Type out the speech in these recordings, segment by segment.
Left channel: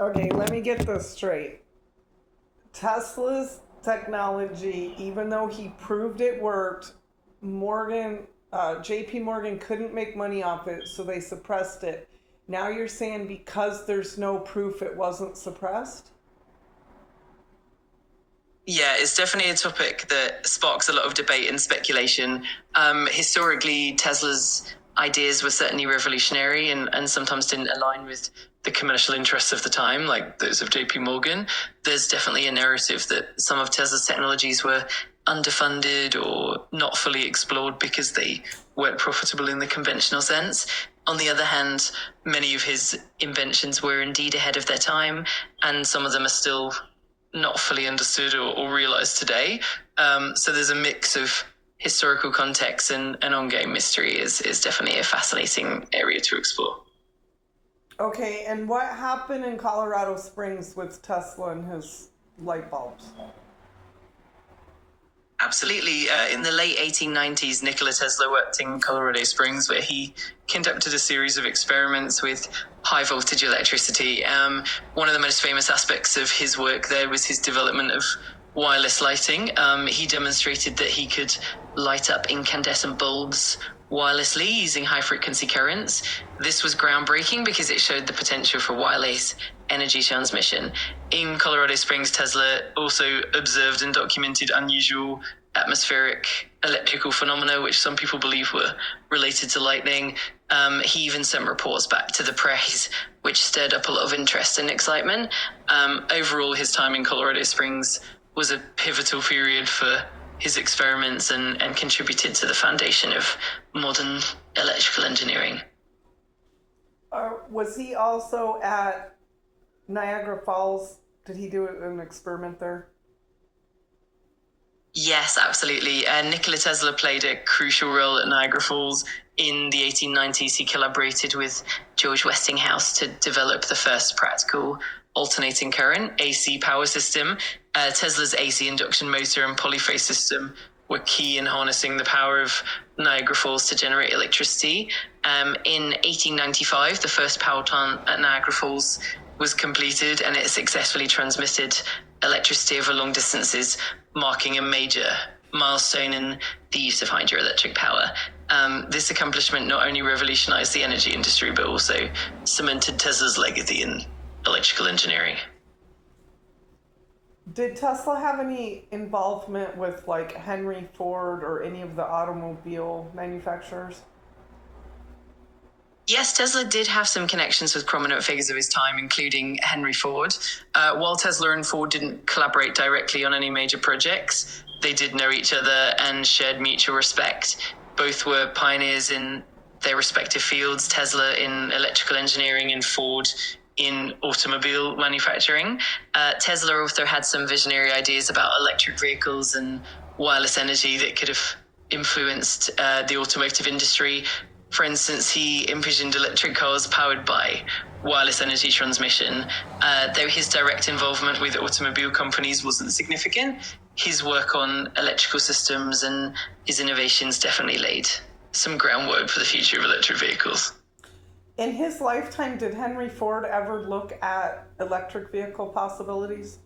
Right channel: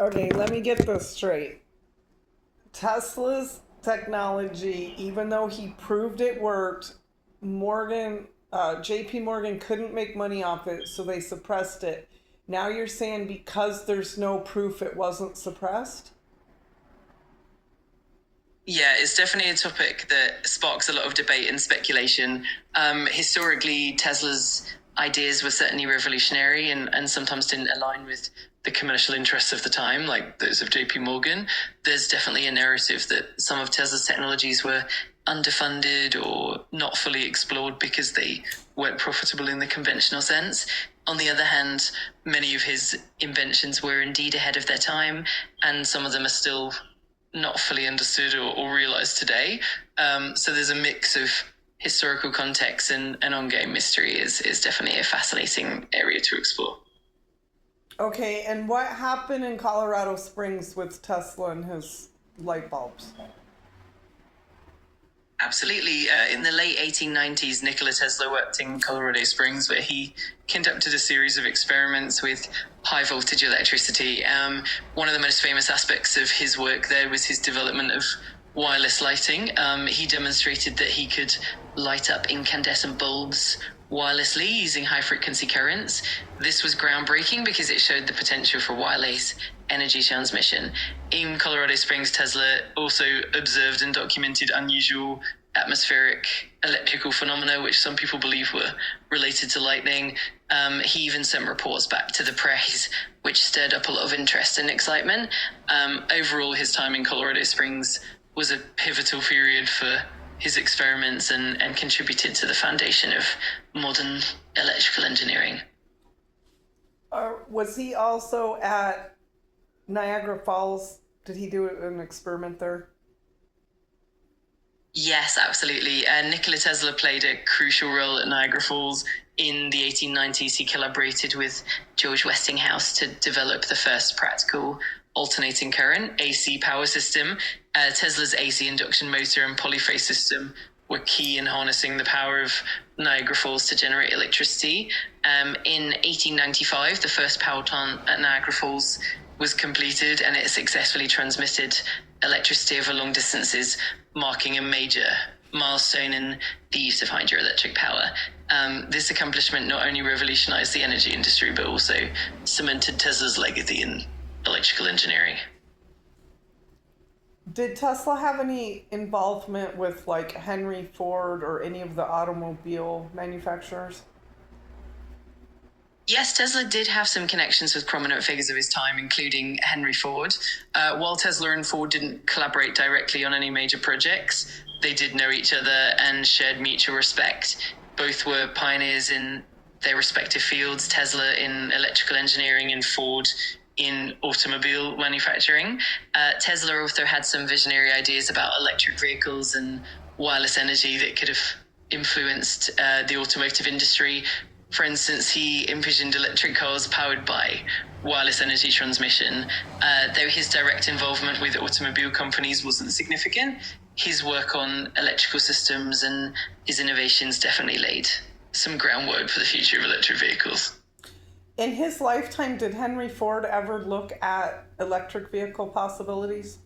Okay, let me get this straight. Tesla's technology, even though he proved it worked, JP Morgan couldn't make money off it, so they suppressed it. Now you're saying because there's no proof it wasn't suppressed? Yeah, it's definitely a topic that sparks a lot of debate and speculation. Historically, Tesla's ideas were certainly revolutionary and sometimes didn't align with the commercial interests of the time, like those of JP Morgan. There's definitely a narrative that some of Tesla's technologies were underfunded or not fully explored because they weren't profitable in the conventional sense. On the other hand, many of his inventions were indeed ahead of their time, and some of them are still not fully understood or realized today. So there's a mix of historical context and ongoing mystery is definitely a fascinating area to explore. Okay, and what happened in Colorado Springs with Tesla and his light bulbs? Absolutely. In the late 1890s, Nikola Tesla worked in Colorado Springs, where he conducted a series of experiments with high voltage electricity. One of the most famous aspects of his work there was his development of wireless lighting. He demonstrated that he could light up incandescent bulbs wirelessly using high frequency currents. This was groundbreaking because it showed the potential for wireless energy transmission. In Colorado Springs, Tesla also observed and documented unusual atmospheric electrical phenomena, which some people believe were related to lightning. He even sent reports back to the press, which stirred up a lot of interest and excitement. Overall, his time in Colorado Springs was a pivotal period for his experiments and contributed to the foundation of modern electrical engineering. Was he also at Niagara Falls? Did he do an experiment there? Yes, absolutely. Nikola Tesla played a crucial role at Niagara Falls. In the 1890s, he collaborated with George Westinghouse to develop the first practical alternating current, AC power system. Tesla's AC induction motor and polyphase system were key in harnessing the power of Niagara Falls to generate electricity. In 1895, the first power plant at Niagara Falls was completed, and it successfully transmitted electricity over long distances, marking a major milestone in the use of hydroelectric power. This accomplishment not only revolutionized the energy industry, but also cemented Tesla's legacy in electrical engineering. Did Tesla have any involvement with like Henry Ford or any of the automobile manufacturers? Yes, Tesla did have some connections with prominent figures of his time, including Henry Ford. While Tesla and Ford didn't collaborate directly on any major projects, they did know each other and shared mutual respect. Both were pioneers in their respective fields, Tesla in electrical engineering and Ford in automobile manufacturing. Tesla also had some visionary ideas about electric vehicles and wireless energy that could have influenced the automotive industry. For instance, he envisioned electric cars powered by wireless energy transmission. Though his direct involvement with automobile companies wasn't significant, his work on electrical systems and his innovations definitely laid some groundwork for the future of electric vehicles. In his lifetime, did Henry Ford ever look at electric vehicle possibilities?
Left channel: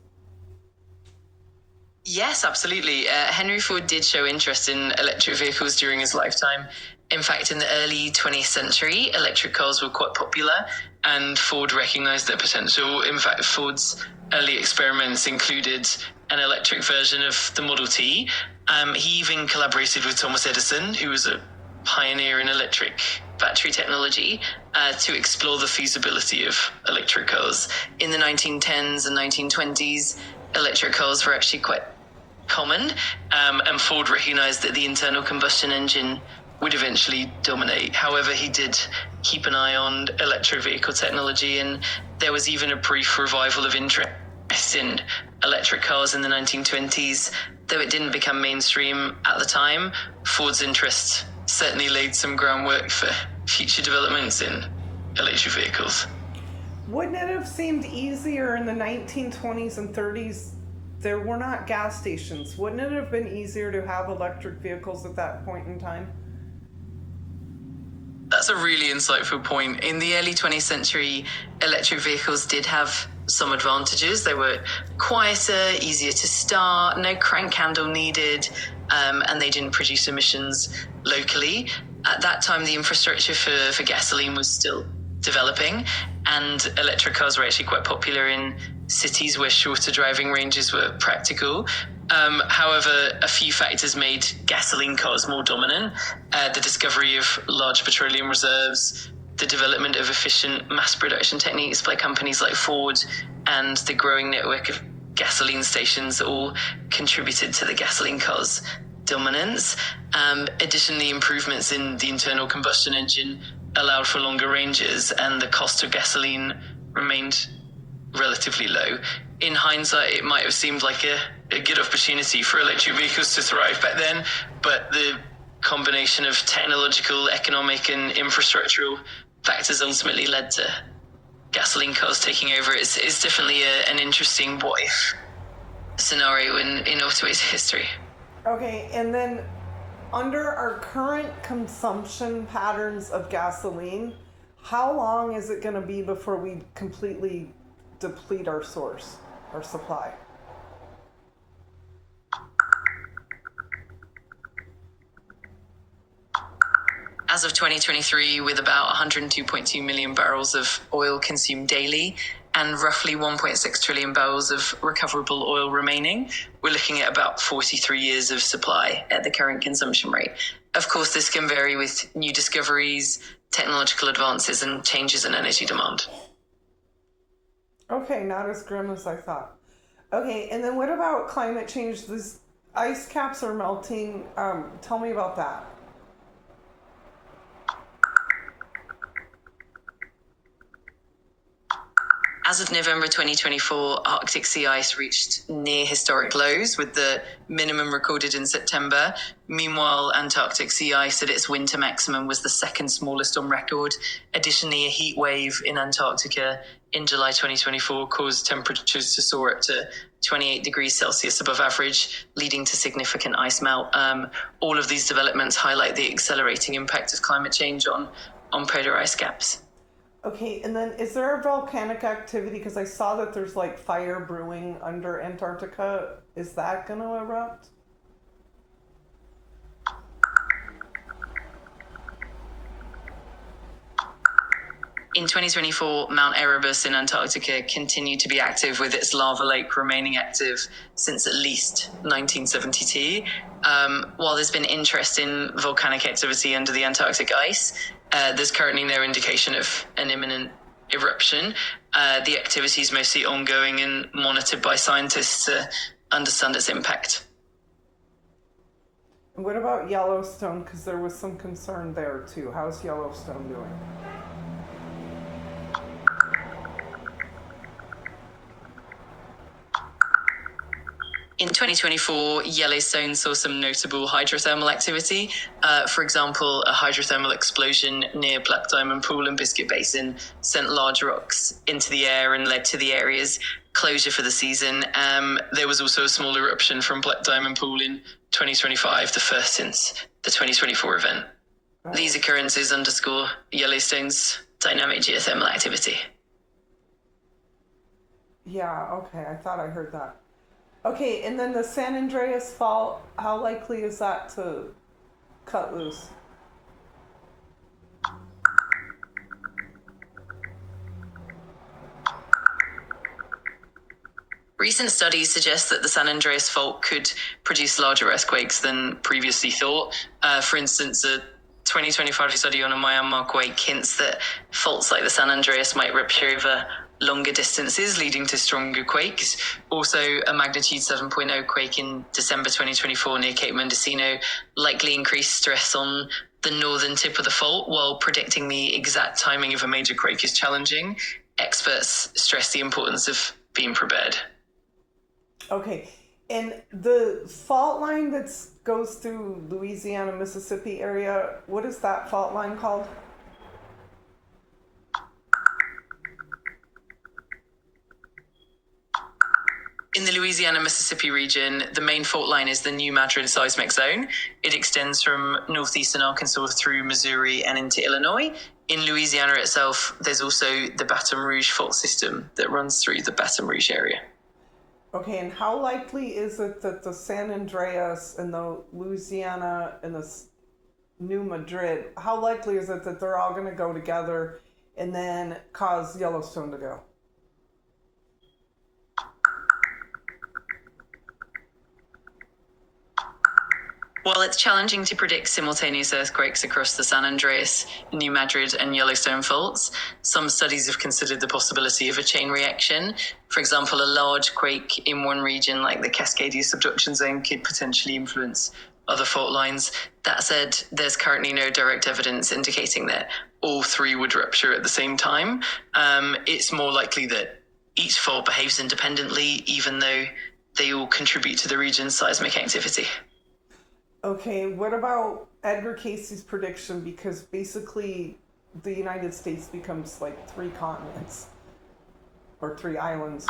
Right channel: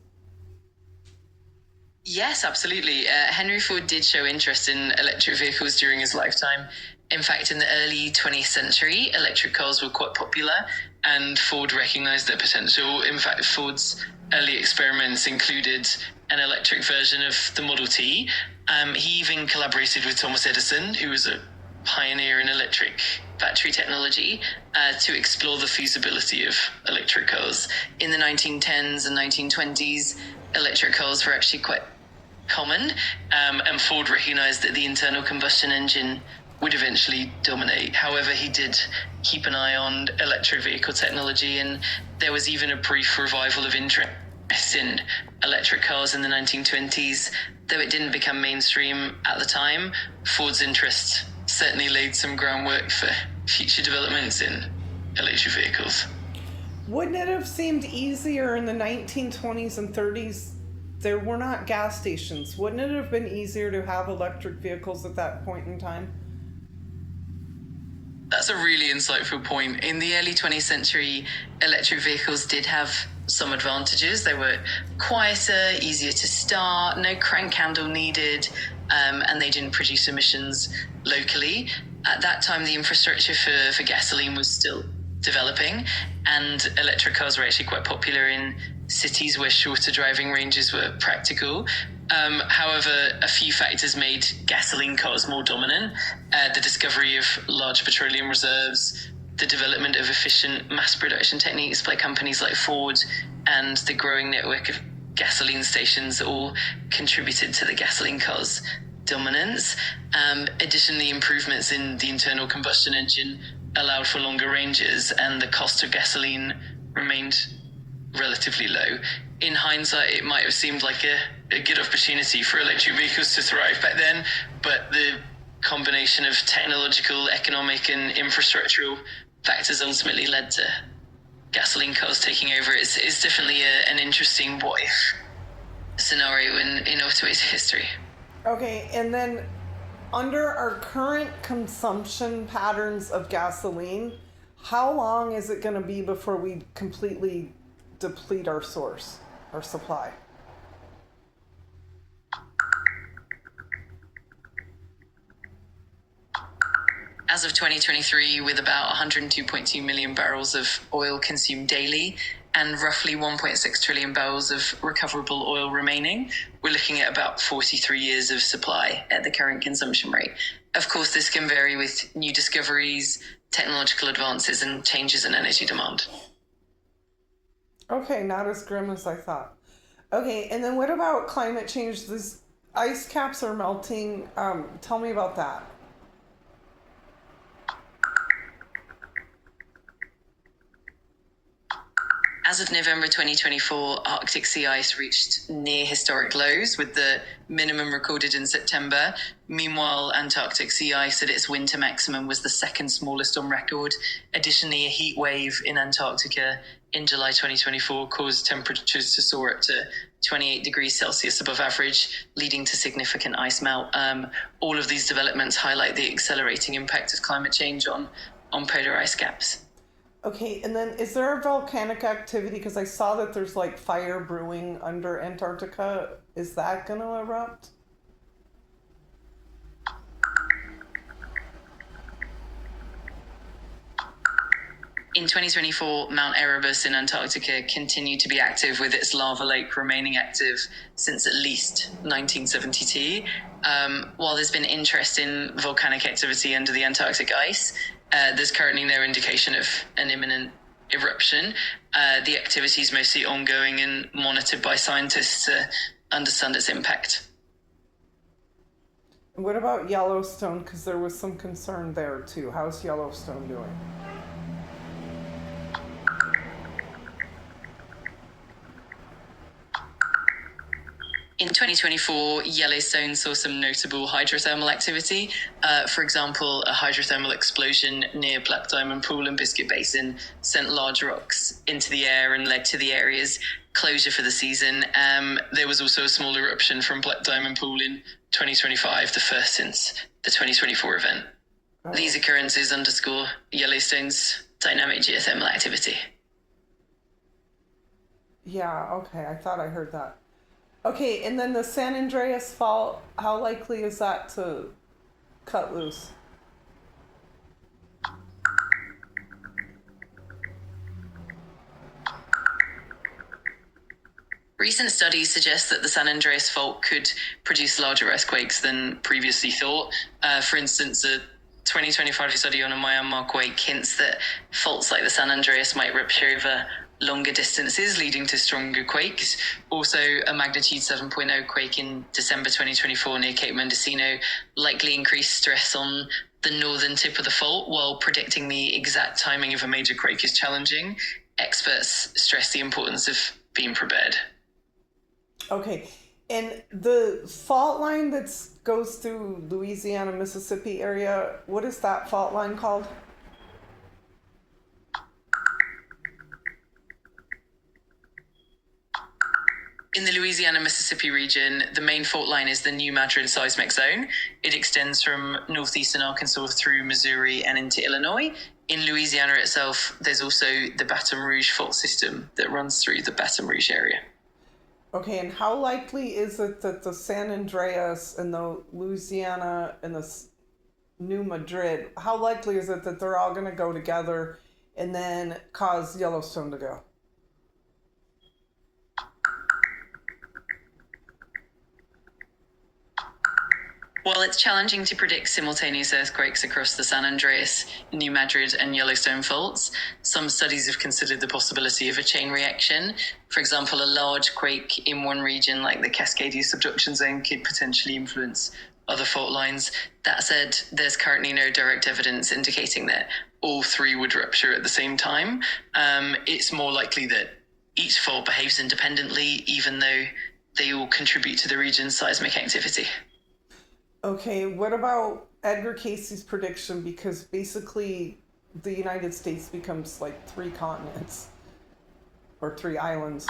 Yes, absolutely. Henry Ford did show interest in electric vehicles during his lifetime. In fact, in the early 20th century, electric cars were quite popular, and Ford recognized their potential. In fact, Ford's early experiments included an electric version of the Model T. He even collaborated with Thomas Edison, who was a pioneer in electric battery technology, to explore the feasibility of electric cars. In the 1910s and 1920s, electric cars were actually quite common, and Ford recognized that the internal combustion engine would eventually dominate. However, he did keep an eye on electric vehicle technology, and there was even a brief revival of interest in electric cars in the 1920s. Though it didn't become mainstream at the time, Ford's interest certainly laid some groundwork for future developments in electric vehicles. Wouldn't it have seemed easier in the 1920s and 30s? There were not gas stations. Wouldn't it have been easier to have electric vehicles at that point in time? That's a really insightful point. In the early 20th century, electric vehicles did have some advantages. They were quieter, easier to start, no crank handle needed, and they didn't produce emissions locally. At that time, the infrastructure for gasoline was still developing, and electric cars were actually quite popular in cities where shorter driving ranges were practical. However, a few factors made gasoline cars more dominant. The discovery of large petroleum reserves, the development of efficient mass production techniques by companies like Ford, and the growing network of gasoline stations all contributed to the gasoline cars' dominance. Additionally, improvements in the internal combustion engine allowed for longer ranges, and the cost of gasoline remained relatively low. In hindsight, it might have seemed like a good opportunity for electric vehicles to thrive back then, but the combination of technological, economic, and infrastructural factors ultimately led to gasoline cars taking over. It's definitely an interesting what-if scenario in automotive history. Okay, and then under our current consumption patterns of gasoline, how long is it going to be before we completely deplete our supply? As of 2023, with about 102.2 million barrels of oil consumed daily and roughly 1.6 trillion barrels of recoverable oil remaining, we're looking at about 43 years of supply at the current consumption rate. Of course, this can vary with new discoveries, technological advances, and changes in energy demand. Okay, not as grim as I thought. Okay, and then what about climate change? These ice caps are melting. Tell me about that. As of November 2024, Arctic sea ice reached near historic lows, with the minimum recorded in September. Meanwhile, Antarctic sea ice at its winter maximum was the second smallest on record. Additionally, a heat wave in Antarctica in July 2024 caused temperatures to soar up to 28 degrees Celsius above average, leading to significant ice melt. All of these developments highlight the accelerating impact of climate change on polar ice caps. Okay, and then is there a volcanic activity? Because I saw that there's like fire brewing under Antarctica. Is that going to erupt? In 2024, Mount Erebus in Antarctica continued to be active, with its lava lake remaining active since at least 1972. While there's been interest in volcanic activity under the Antarctic ice, there's currently no indication of an imminent eruption. The activity is mostly ongoing and monitored by scientists to understand its impact. What about Yellowstone? Because there was some concern there too. How's Yellowstone doing? In 2024, Yellowstone saw some notable hydrothermal activity. For example, a hydrothermal explosion near Black Diamond Pool and Biscuit Basin sent large rocks into the air and led to the area's closure for the season. There was also a small eruption from Black Diamond Pool in 2025, the first since the 2024 event. These occurrences underscore Yellowstone's dynamic geothermal activity. Yeah, okay, I thought I heard that. Okay, and then the San Andreas Fault, how likely is that to cut loose? Recent studies suggest that the San Andreas Fault could produce larger earthquakes than previously thought. For instance, a 2025 study on a Myanmar quake hints that faults like the San Andreas might rupture over longer distances, leading to stronger quakes. Also, a magnitude 7.0 quake in December 2024 near Cape Mendocino likely increased stress on the northern tip of the fault. While predicting the exact timing of a major quake is challenging, experts stress the importance of being prepared. Okay, and the fault line that goes through Louisiana, Mississippi area, what is that fault line called? In the Louisiana-Mississippi region, the main fault line is the New Madrid seismic zone. It extends from northeastern Arkansas through Missouri and into Illinois. In Louisiana itself, there's also the Baton Rouge fault system that runs through the Baton Rouge area. Okay, and how likely is it that the San Andreas and the Louisiana and the New Madrid, how likely is it that they're all going to go together and then cause Yellowstone to go? While it's challenging to predict simultaneous earthquakes across the San Andreas, New Madrid, and Yellowstone faults, some studies have considered the possibility of a chain reaction. For example, a large quake in one region, like the Cascadia subduction zone, could potentially influence other fault lines. That said, there's currently no direct evidence indicating that all three would rupture at the same time. It's more likely that each fault behaves independently, even though they all contribute to the region's seismic activity. Okay, what about Edgar Casey's prediction? Because basically the United States becomes like 3 continents or 3 islands.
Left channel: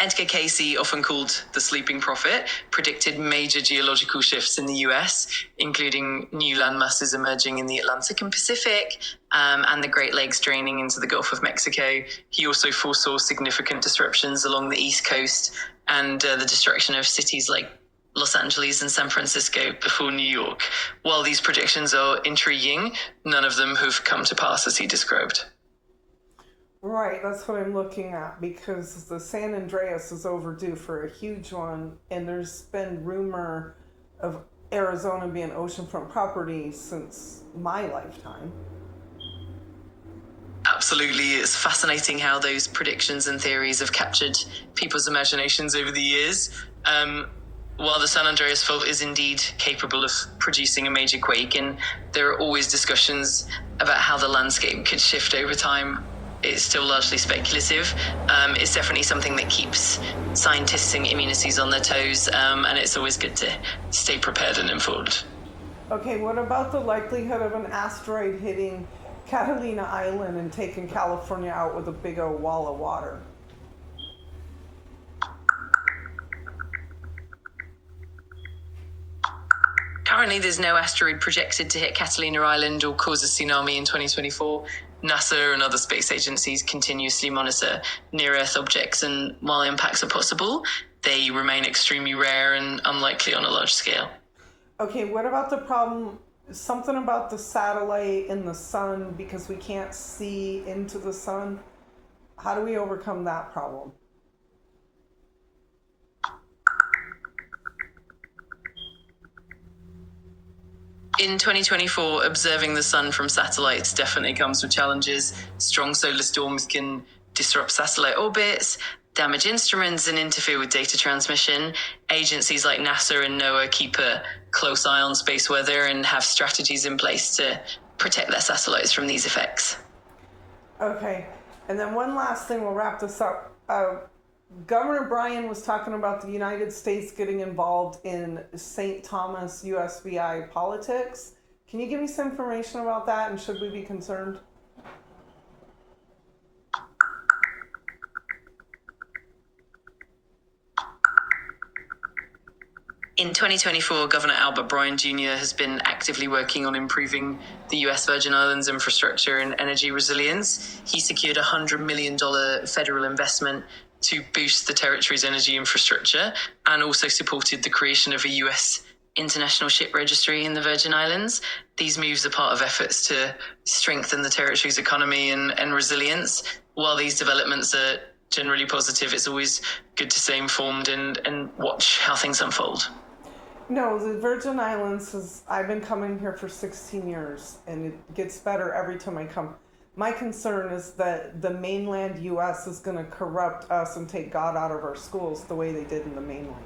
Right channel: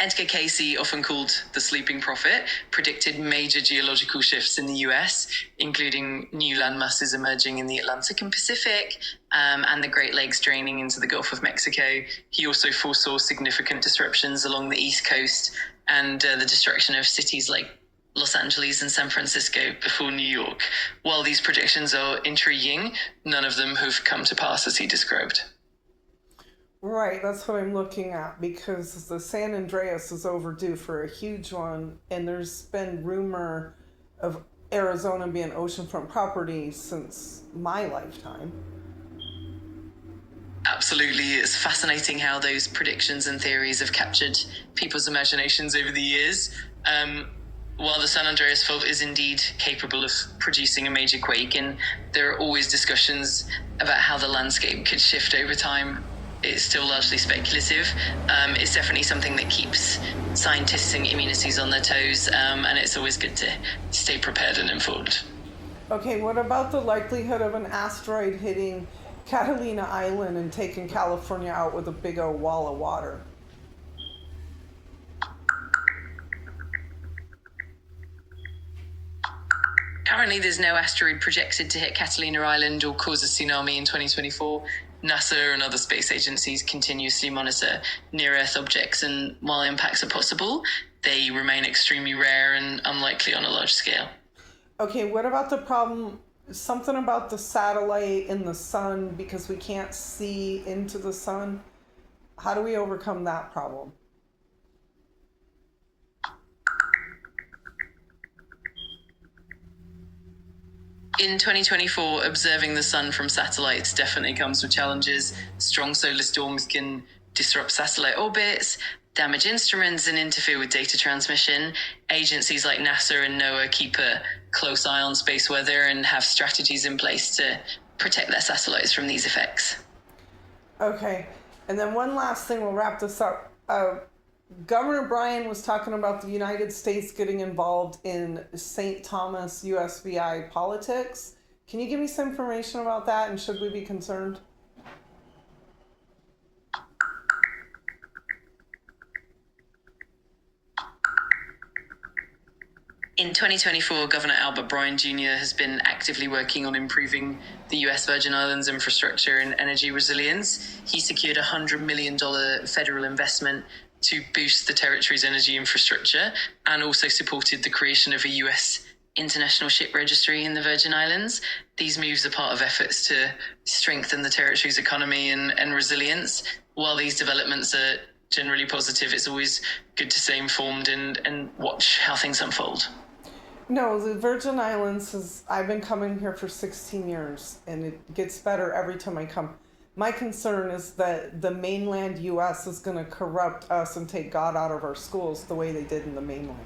Edgar Casey, often called the Sleeping Prophet, predicted major geological shifts in the US, including new land masses emerging in the Atlantic and Pacific, and the Great Lakes draining into the Gulf of Mexico. He also foresaw significant disruptions along the East Coast and the destruction of cities like Los Angeles and San Francisco before New York. While these predictions are intriguing, none of them have come to pass as he described. Right, that's what I'm looking at, because the San Andreas is overdue for a huge one, and there's been rumor of Arizona being oceanfront property since my lifetime. Absolutely. It's fascinating how those predictions and theories have captured people's imaginations over the years. While the San Andreas Fault is indeed capable of producing a major quake, and there are always discussions about how the landscape could shift over time, it's still largely speculative. It's definitely something that keeps scientists and communities on their toes, and it's always good to stay prepared and informed. Okay, what about the likelihood of an asteroid hitting Catalina Island and taking California out with a big old wall of water? Currently, there's no asteroid projected to hit Catalina Island or cause a tsunami in 2024. NASA and other space agencies continuously monitor near-Earth objects, and while impacts are possible, they remain extremely rare and unlikely on a large scale. Okay, what about the problem, something about the satellite in the sun, because we can't see into the sun? How do we overcome that problem? In 2024, observing the sun from satellites definitely comes with challenges. Strong solar storms can disrupt satellite orbits, damage instruments, and interfere with data transmission. Agencies like NASA and NOAA keep a close eye on space weather and have strategies in place to protect their satellites from these effects. Okay, and then one last thing, we'll wrap this up. Governor Bryan was talking about the United States getting involved in St. Thomas USVI politics. Can you give me some information about that, and should we be concerned? In 2024, Governor Albert Bryan Jr. has been actively working on improving the U.S. Virgin Islands infrastructure and energy resilience. He secured a $100 million federal investment to boost the territory's energy infrastructure, and also supported the creation of a U.S. international ship registry in the Virgin Islands. These moves are part of efforts to strengthen the territory's economy and resilience. While these developments are generally positive, it's always good to stay informed and watch how things unfold. No, the Virgin Islands I've been coming here for 16 years, and it gets better every time I come. My concern is that the mainland U.S. is going to corrupt us and take God out of our schools the way they did in the mainland.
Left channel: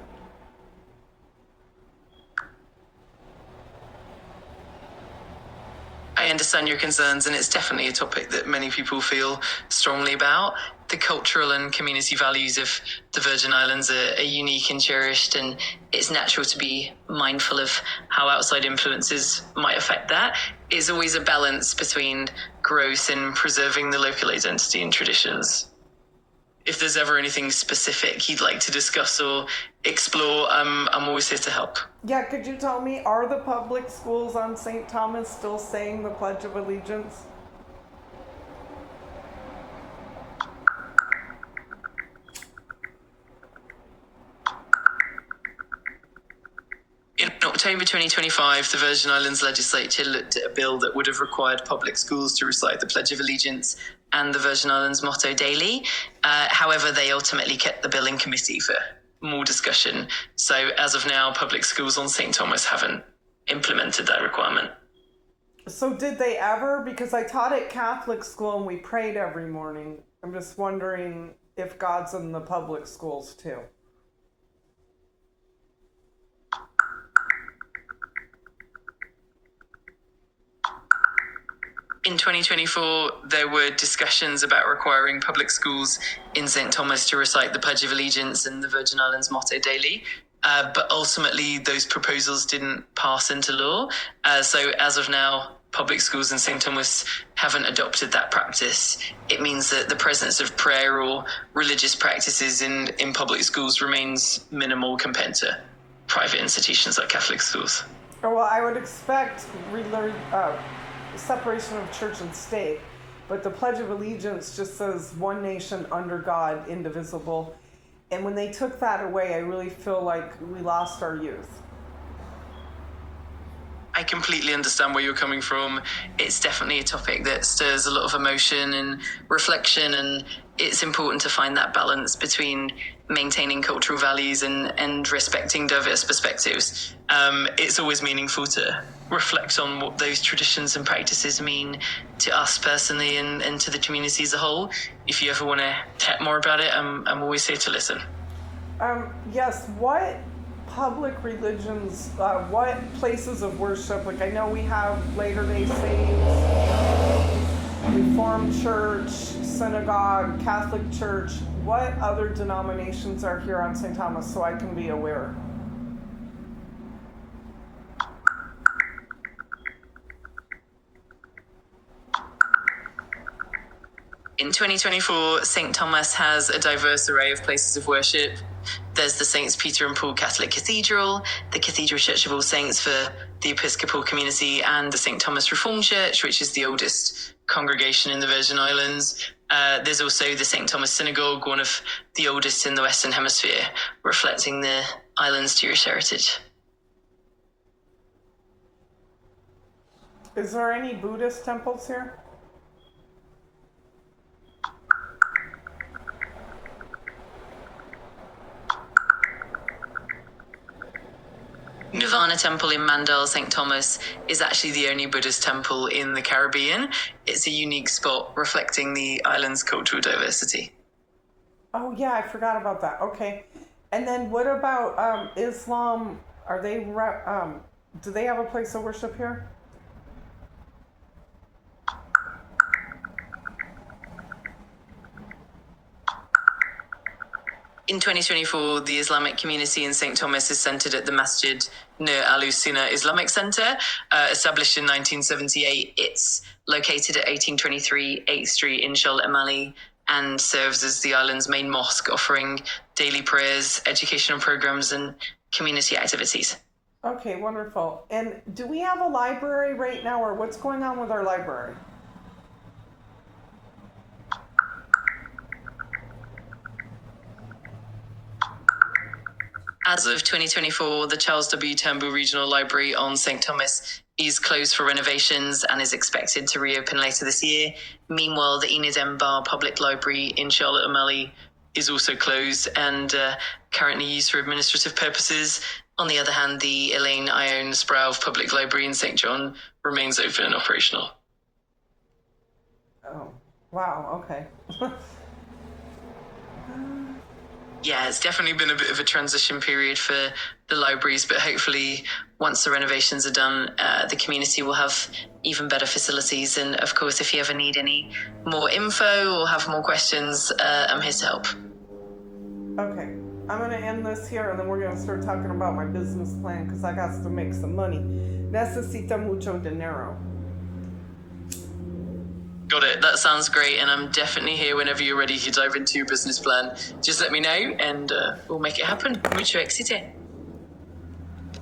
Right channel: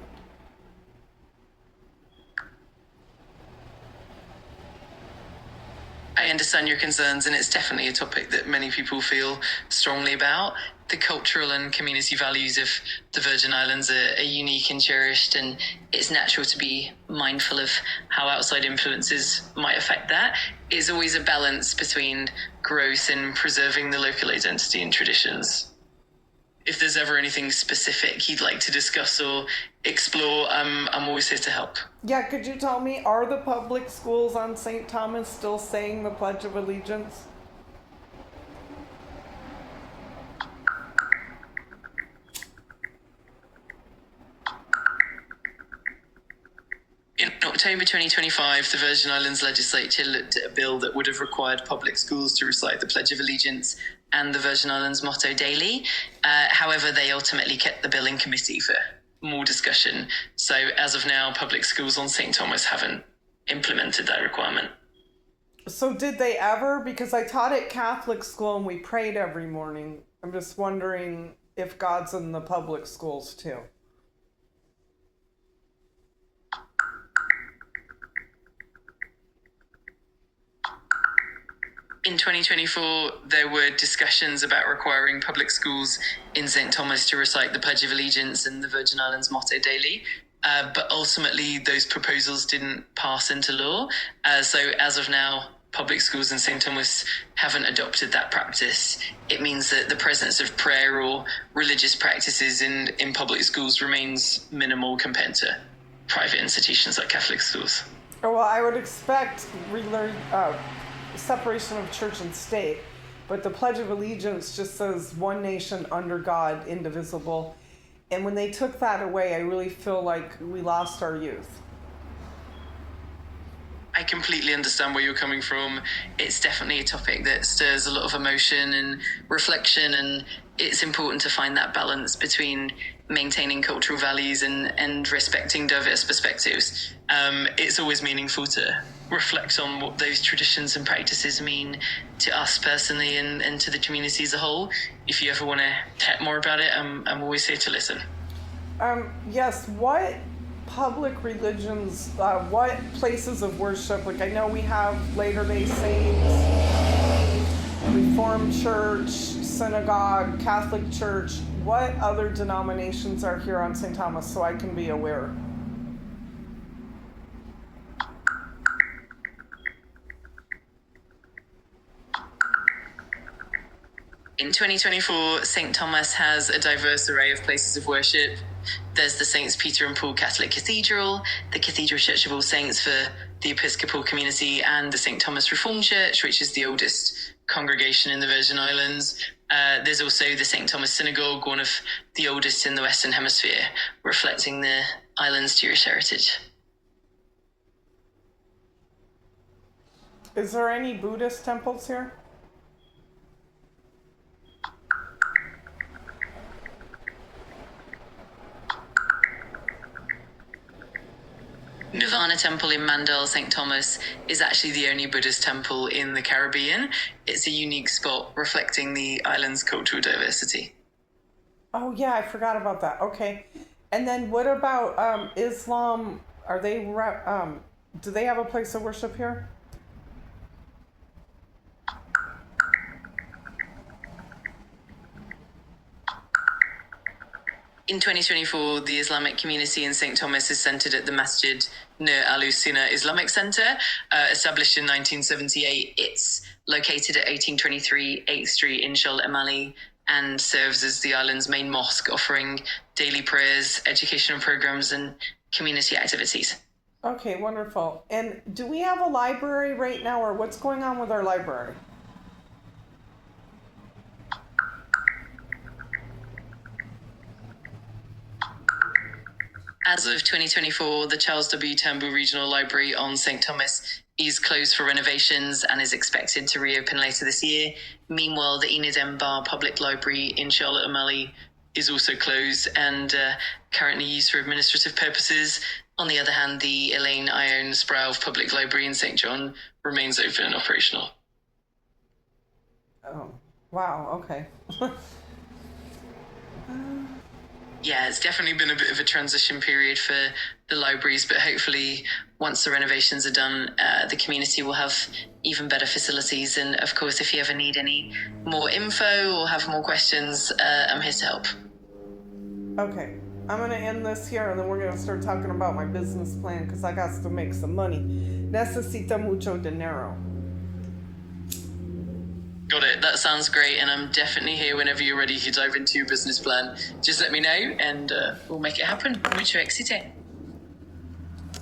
I understand your concerns, and it's definitely a topic that many people feel strongly about. The cultural and community values of the Virgin Islands are unique and cherished, and it's natural to be mindful of how outside influences might affect that. It's always a balance between growth and preserving the local identity and traditions. if there's ever anything specific he'd like to discuss or explore, I'm always here to help. Yeah, could you tell me, are the public schools on St. Thomas still saying the Pledge of Allegiance? In October 2025, the Virgin Islands legislature looked at a bill that would have required public schools to recite the Pledge of Allegiance and the Virgin Islands motto daily. However, they ultimately kept the bill in committee for more discussion. So as of now, public schools on St. Thomas haven't implemented that requirement. So did they ever? Because I taught at Catholic school and we prayed every morning. I'm just wondering if God's in the public schools too. In 2024, there were discussions about requiring public schools in St. Thomas to recite the Pledge of Allegiance and the Virgin Islands motto daily. But ultimately, those proposals didn't pass into law. So as of now, public schools in St. Thomas haven't adopted that practice. It means that the presence of prayer or religious practices in public schools remains minimal compared to private institutions like Catholic schools. Oh, well, I would expect separation of church and state, but the Pledge of Allegiance just says one nation under God, indivisible. And when they took that away, I really feel like we lost our youth. I completely understand where you're coming from. It's definitely a topic that stirs a lot of emotion and reflection, and it's important to find that balance between maintaining cultural values and respecting diverse perspectives. It's always meaningful to reflect on what those traditions and practices mean to us personally and to the community as a whole. If you ever want to chat more about it, I'm always here to listen. Yes, what public religions, what places of worship, like I know we have Latter-day Saints, Reformed Church, Synagogue, Catholic Church, what other denominations are here on St. Thomas so I can be aware? In 2024, St. Thomas has a diverse array of places of worship. There's the Saints Peter and Paul Catholic Cathedral, the Cathedral Church of All Saints for the Episcopal community, and the St. Thomas Reformed Church, which is the oldest congregation in the Virgin Islands. There's also the St. Thomas Synagogue, one of the oldest in the Western Hemisphere, reflecting the island's Jewish heritage. Is there any Buddhist temples here? Nirvana Temple in Mandal, St. Thomas, is actually the only Buddhist temple in the Caribbean. It's a unique spot reflecting the island's cultural diversity. Oh yeah, I forgot about that. Okay. And then what about Islam? Are they do they have a place of worship here? In 2024, the Islamic community in St. Thomas is centered at the Masjid Nur Al-Sunnah Islamic Center. Established in 1978, it's located at 1823 8th Street in Shoal Amali and serves as the island's main mosque, offering daily prayers, educational programs, and community activities. Okay, wonderful. And do we have a library right now, or what's going on with our library? As of 2024, the Charles W. Turnbull Regional Library on St. Thomas is closed for renovations and is expected to reopen later this year. Meanwhile, the Enid M. Bar Public Library in Charlotte O'Malley is also closed and currently used for administrative purposes. On the other hand, the Elaine Ione Sproul Public Library in St. John remains open and operational. Oh, wow, okay. Yeah, it's definitely been a bit of a transition period for the libraries, but hopefully once the renovations are done, the community will have even better facilities. And of course, if you ever need any more info or have more questions, I'm here to help. Okay, I'm going to end this here and then we're going to start talking about my business plan because I got to make some money. Necesita mucho dinero. Got it. That sounds great. And I'm definitely here whenever you're ready to dive into your business plan. Just let me know and we'll make it happen. Mucho éxito.